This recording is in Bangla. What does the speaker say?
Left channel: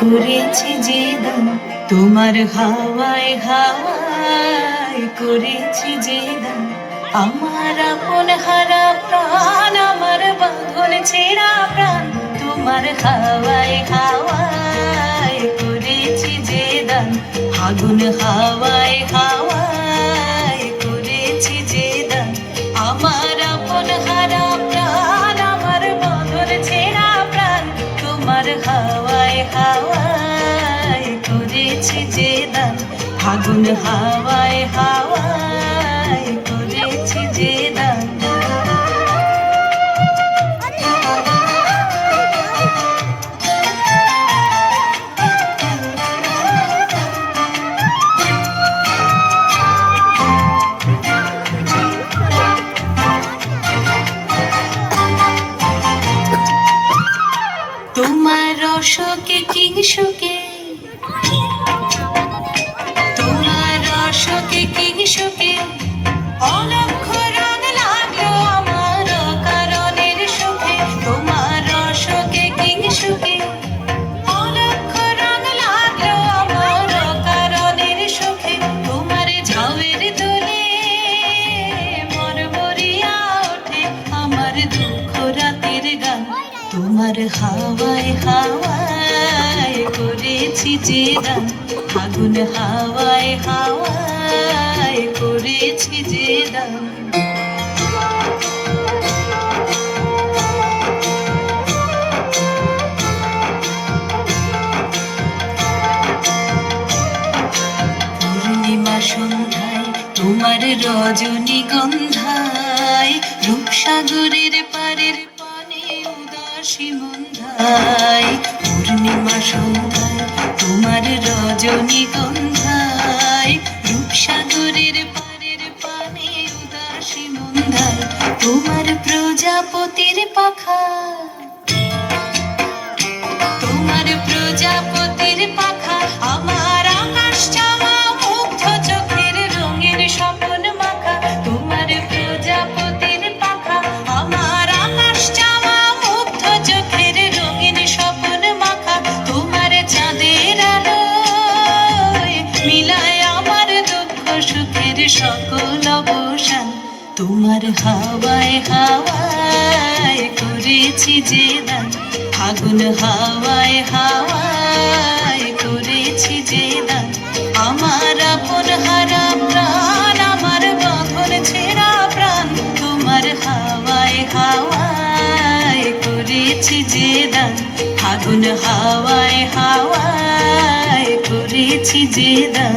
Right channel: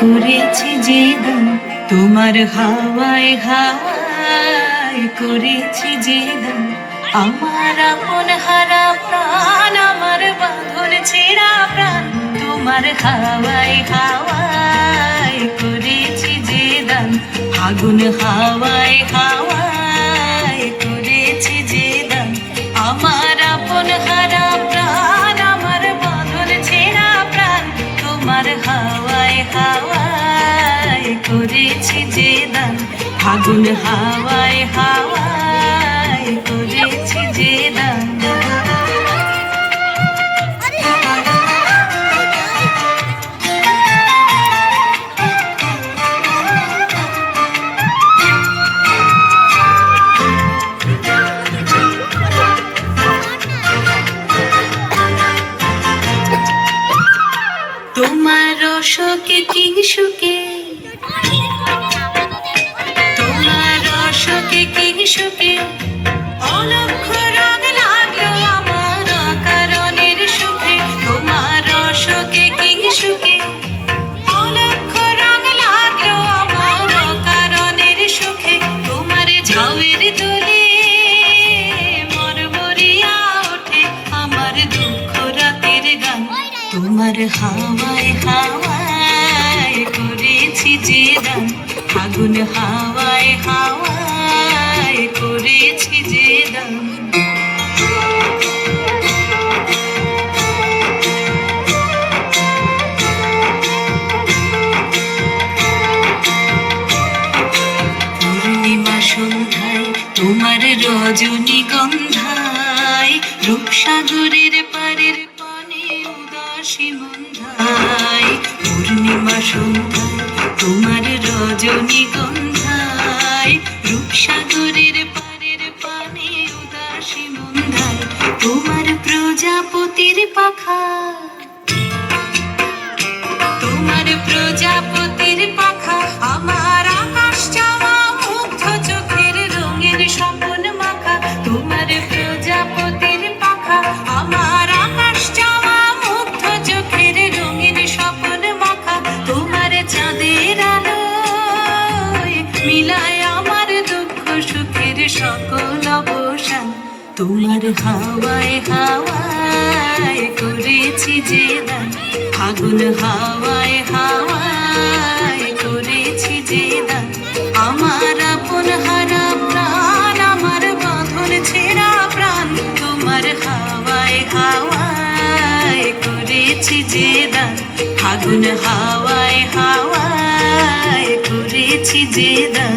করেছি যে দান, তোমার হাওয়ায় হাওয়ায় করেছি যে দান। আমার আপন হারা প্রাণ, আমার বাঁধন ছেঁড়া প্রাণ, তোমার হাওয়ায় হাওয়ায় করেছি যে দান। আগুন হাওয়ায় হাওয়ায় করেছি যে দান। আমার আপন হারা প্রাণ, আমার বাঁধন ছেঁড়া প্রাণ, তোমার হাওয়ায় হাওয়ায় করেছি যে দান। আগুন হাওয়ায় হাওয়ায় করেছি যে দান। তোমার অশোকে কিংসুকে, তোমার অশোকে কিংসুকে অলক্ষ রং লাগলো আমার কারণের সুখে। তোমার অশোকে কিংসুকে অলক্ষ রং লাগলো আমার কারণের সুখে। তোমার ঝাউয়ের দোলে মরমরিয়া ওঠে আমার দুঃখ রাতের গান। তোমার হাওয়ায় হাওয়ায় করেছি যে দান। আগুন হাওয়ায় হাওয়ায় করেছি যে দান। পূর্ণিমা সন্ধ্যায় তোমার রজনীগন্ধায়, রূপসাগরের পারের পানে উদাসী মন্ধায়। পূর্ণিমা সন্ধ্যায় তোমার রজনীগন্ধায়, রূপসাগরের পারের পানে উদাসী মন্ধায়। তোমার প্রজাপতির পাখা, তোমার প্রজাপতির পাখা আমার আকাশ চাওয়া মুগ্ধ চোখের রঙের স্বপন মাখা। তোমার প্রজাপতির পাখা আমার আকাশ চাওয়া মুগ্ধ চোখের রঙের স্বপন মাখা। তোমার চাঁদের আলোয় মিলায় আমার দুঃখ সুখের সকল অবসান। তোমার হাওয়ায় হাওয়ায় করেছি যে দান। আগুন হাওয়ায় হাওয়ায় করেছি যে দান। আমার আপন হারা প্রাণ, আমার বাঁধন ছেঁড়া প্রাণ, তোমার হাওয়ায় হাওয়ায় করেছি যে দান। আগুন হাওয়ায় হাওয়ায় করেছি যে দান।